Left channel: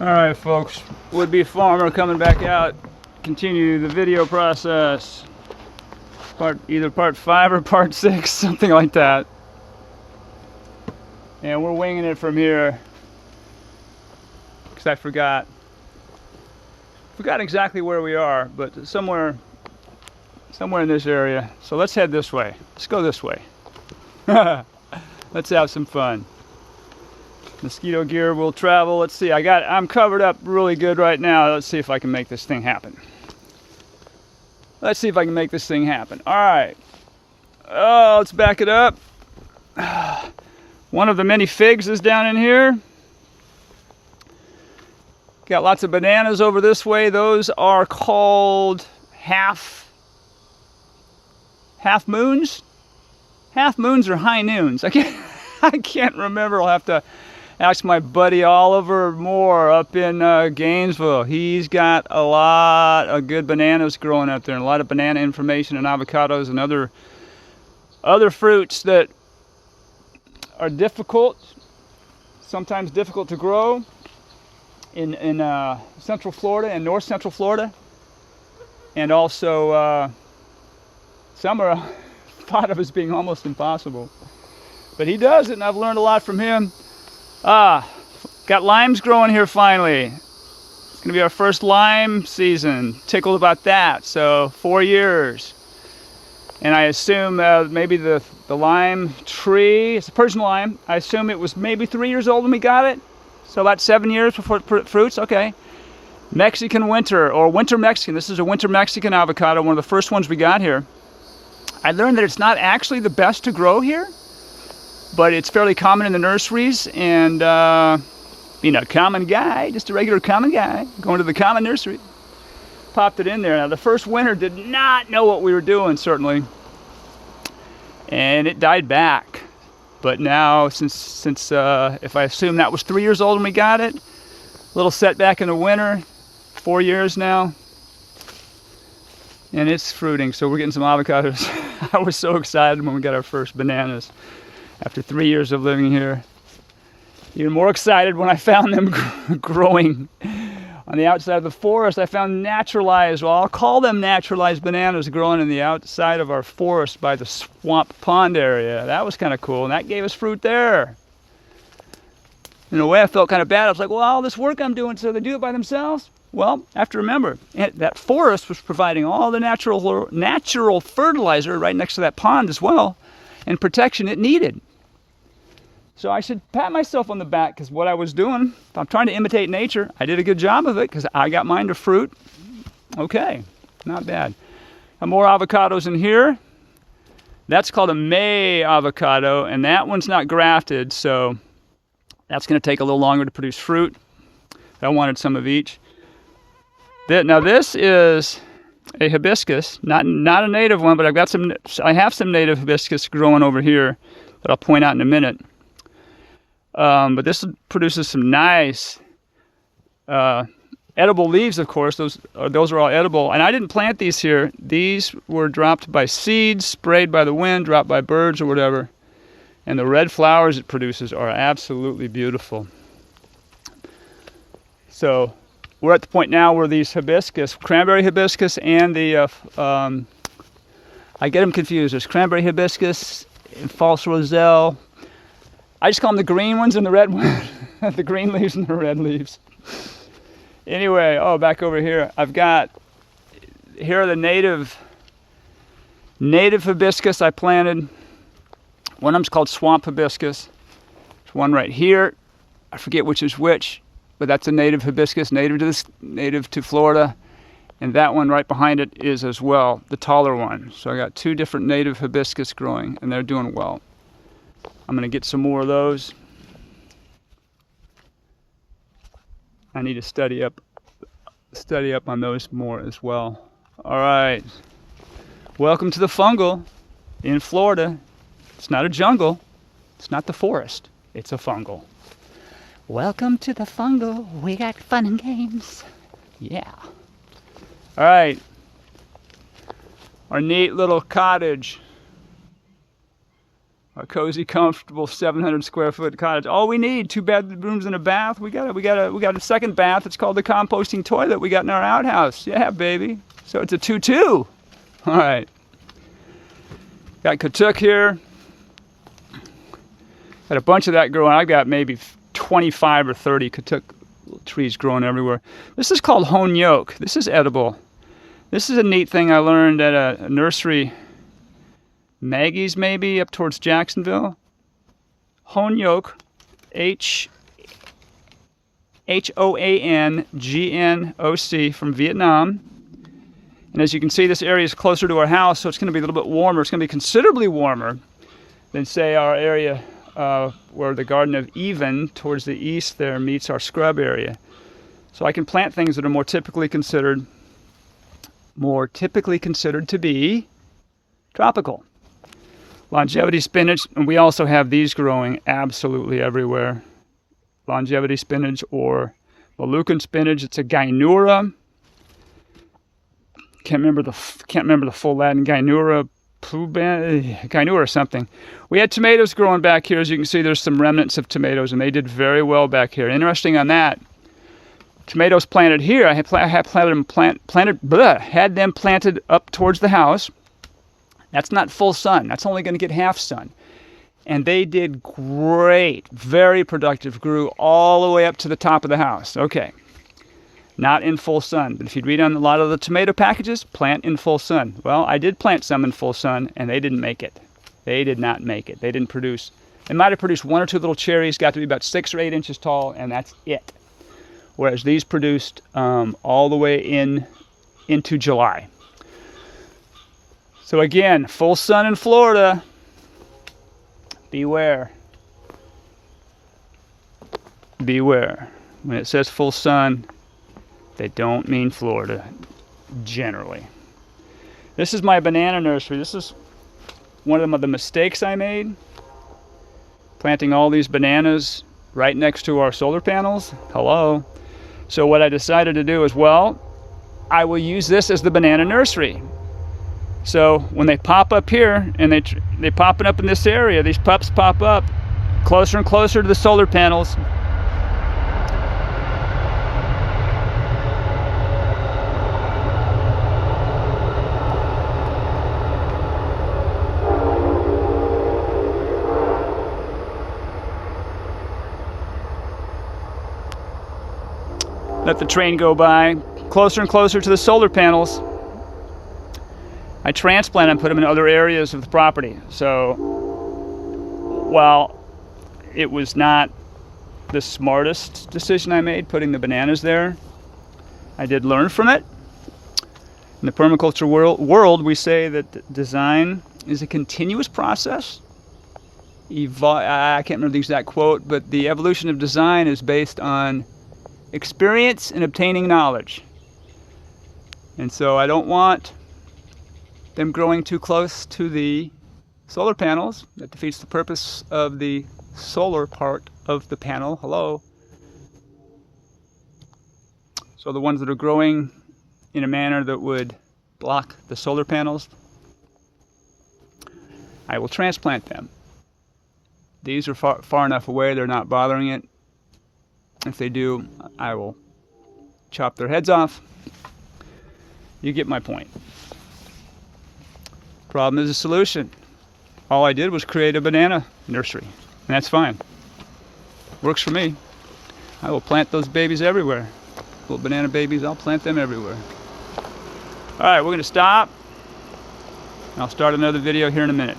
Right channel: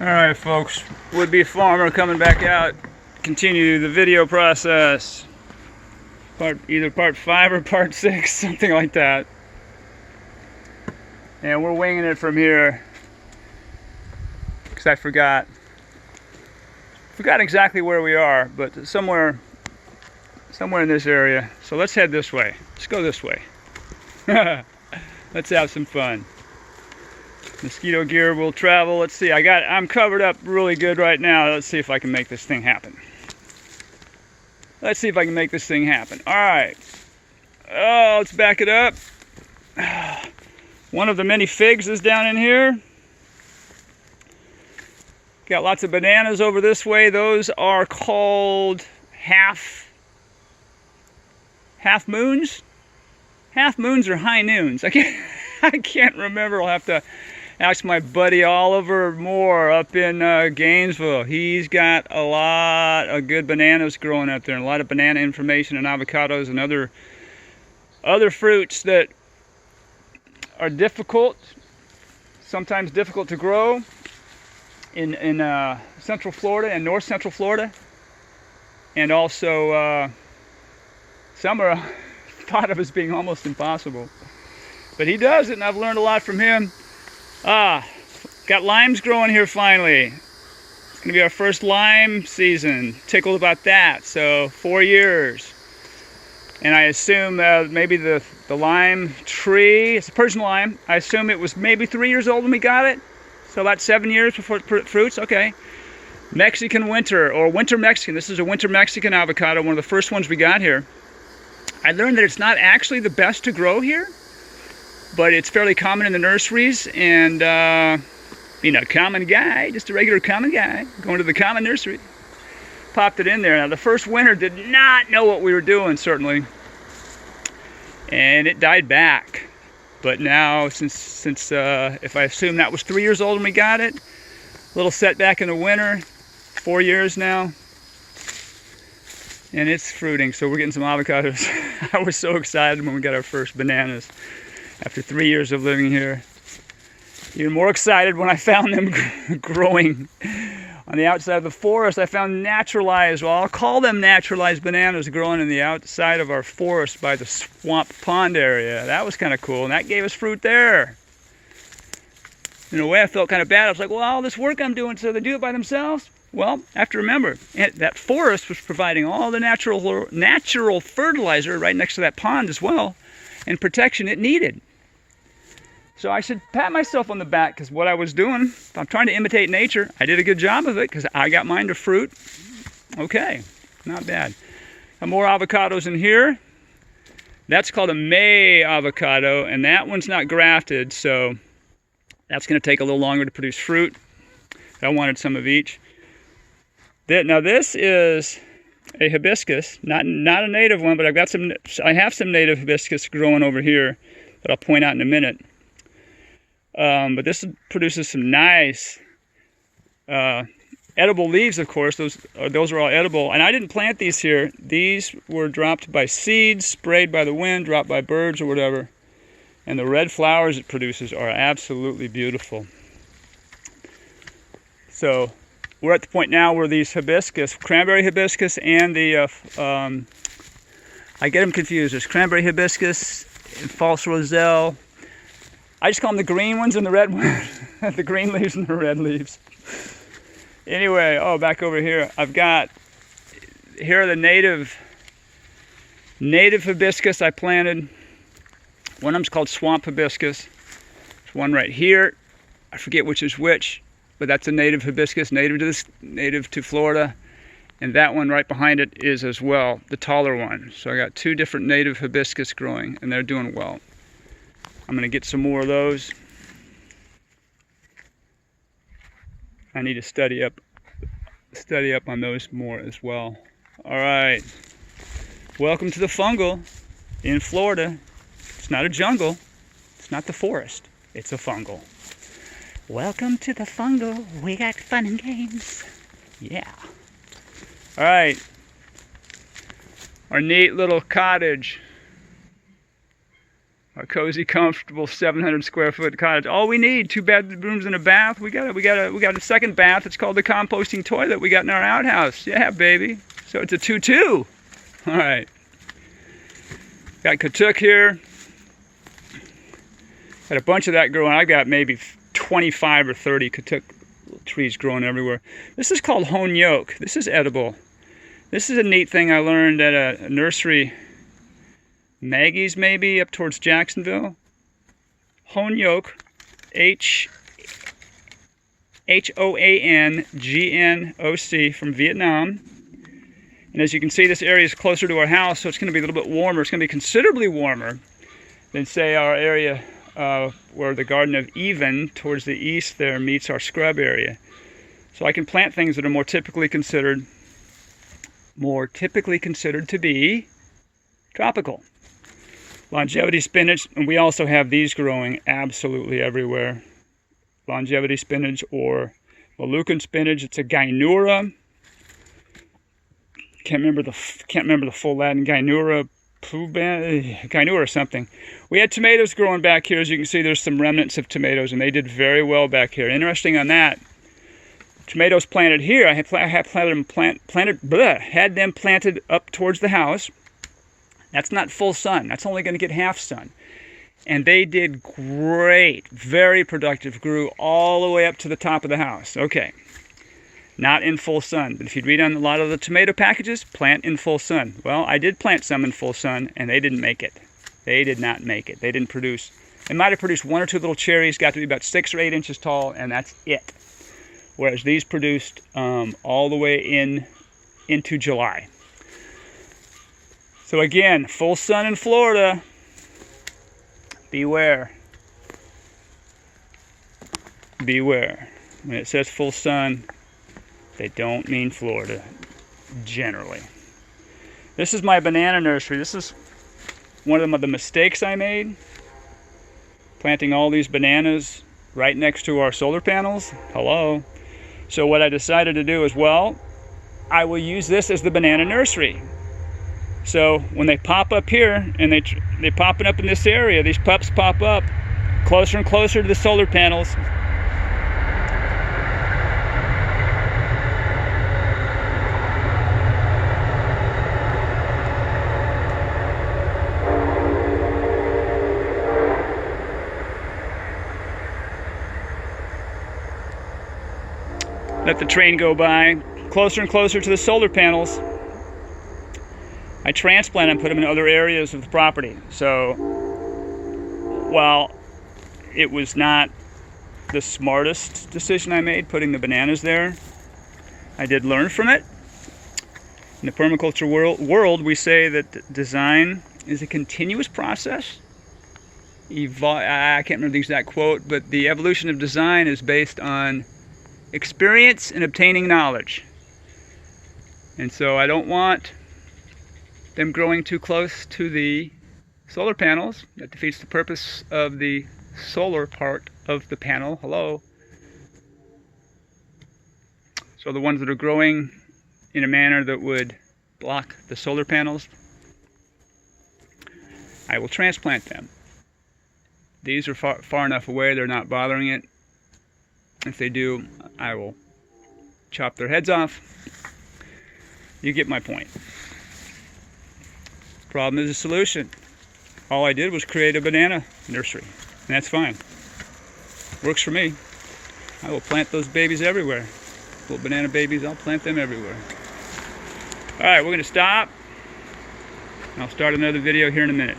Alright folks, would-be farmer coming back out, continue the video process. Either part 5 or part 6, something like that. And we're winging it from here, because I forgot exactly where we are, but somewhere in this area. So let's head this way. Let's go this way. Let's have some fun. Mosquito gear will travel. Let's see. I'm covered up really good right now. Let's see if I can make this thing happen. Let's see if I can make this thing happen. All right. Oh, let's back it up. One of the many figs is down in here. Got lots of bananas over this way. Those are called half moons. Half moons or high noons. I can't remember. I'll have to ask my buddy Oliver Moore up in Gainesville. He's got a lot of good bananas growing up there, and a lot of banana information and avocados and other fruits that are sometimes difficult to grow in Central Florida and North Central Florida, and also some are thought of as being almost impossible. But he does it, and I've learned a lot from him. Got limes growing here finally. It's gonna be our first lime season. Tickled about that. So 4 years. And I assume maybe the lime tree, it's a Persian lime. I assume it was maybe 3 years old when we got it. So about 7 years before it fruits. Okay. Mexican winter, or winter Mexican. This is a winter Mexican avocado, one of the first ones we got here. I learned that it's not actually the best to grow here, but it's fairly common in the nurseries, and common guy, just a regular common guy, going to the common nursery, popped it in there. Now the first winter did not know what we were doing, certainly, and it died back. But now, since if I assume that was 3 years old when we got it, little setback in the winter, 4 years now, and it's fruiting, so we're getting some avocados. I was so excited when we got our first bananas after 3 years of living here. Even more excited when I found them growing on the outside of the forest. I found naturalized, well, I'll call them naturalized bananas growing in the outside of our forest by the swamp pond area. That was kind of cool, and that gave us fruit there. In a way, I felt kind of bad. I was like, well, all this work I'm doing, so they do it by themselves? Well, I have to remember, that forest was providing all the natural fertilizer right next to that pond as well, and protection it needed. So I should pat myself on the back, because what I was doing, if I'm trying to imitate nature, I did a good job of it, because I got mine to fruit. Okay, not bad. Got more avocados in here. That's called a May avocado, and that one's not grafted, so that's going to take a little longer to produce fruit. I wanted some of each. Now this is a hibiscus, not a native one, but I have some native hibiscus growing over here that I'll point out in a minute. But this produces some nice edible leaves, of course. Those are all edible. And I didn't plant these here. These were dropped by seeds, sprayed by the wind, dropped by birds or whatever. And the red flowers it produces are absolutely beautiful. So we're at the point now where these hibiscus, cranberry hibiscus and the, I get them confused. There's cranberry hibiscus and false roselle. I just call them the green ones and the red ones. The green leaves and the red leaves. Anyway, back over here. Here are the native hibiscus I planted. One of them's called swamp hibiscus. There's one right here. I forget which is which, but that's a native hibiscus, native to Florida. And that one right behind it is as well, the taller one. So I got 2 different native hibiscus growing, and they're doing well. I'm gonna get some more of those. I need to study up on those more as well. All right, welcome to the fungal in Florida. It's not a jungle, it's not the forest, it's a fungal. Welcome to the fungal, we got fun and games. Yeah. All right, our neat little cottage. Our cozy, comfortable 700 square foot cottage. All we need, 2 bedrooms and a bath. We got a second bath. It's called the composting toilet we got in our outhouse. Yeah, baby. So it's a 2-2. All right. Got katuk here. Got a bunch of that growing. I got maybe 25 or 30 katuk trees growing everywhere. This is called Hamilton-Hoke. This is edible. This is a neat thing I learned at a nursery, Maggie's maybe, up towards Jacksonville. Hamilton-Hoke, Hoangnoc from Vietnam. And as you can see, this area is closer to our house, so it's going to be a little bit warmer. It's going to be considerably warmer than, say, our area where the Garden of Eden towards the east there meets our scrub area. So I can plant things that are more typically considered to be tropical. Longevity spinach, and we also have these growing absolutely everywhere. Longevity spinach or Moluccan spinach. It's a Gynura. Can't remember the full Latin. Gynura or something. We had tomatoes growing back here. As you can see, there's some remnants of tomatoes, and they did very well back here. Interesting on that. Tomatoes planted here. I had them planted up towards the house. That's not full sun. That's only going to get half sun. And they did great. Very productive. Grew all the way up to the top of the house. Okay. Not in full sun. But if you'd read on a lot of the tomato packages, plant in full sun. Well, I did plant some in full sun, and they didn't make it. They did not make it. They didn't produce. They might have produced 1 or 2 little cherries, got to be about 6 or 8 inches tall, and that's it. Whereas these produced all the way into July. So again, full sun in Florida. Beware. Beware. When it says full sun, they don't mean Florida, generally. This is my banana nursery. This is one of the mistakes I made. Planting all these bananas right next to our solar panels. Hello. So what I decided to do is, well, I will use this as the banana nursery. So when they pop up here, and they popping up in this area, these pups pop up closer and closer to the solar panels. Let the train go by, closer and closer to the solar panels. I transplant and put them in other areas of the property. So, while it was not the smartest decision I made, putting the bananas there, I did learn from it. In the permaculture world, we say that design is a continuous process. I can't remember the exact quote, but the evolution of design is based on experience and obtaining knowledge. And so I don't want them growing too close to the solar panels. That defeats the purpose of the solar part of the panel. Hello. So the ones that are growing in a manner that would block the solar panels, I will transplant them. These are far enough away, they're not bothering it. If they do, I will chop their heads off. You get my point. Problem is a solution. All I did was create a banana nursery, and that's fine. Works for me. I will plant those babies everywhere. Little banana babies, I'll plant them everywhere. All right, we're going to stop. I'll start another video here in a minute.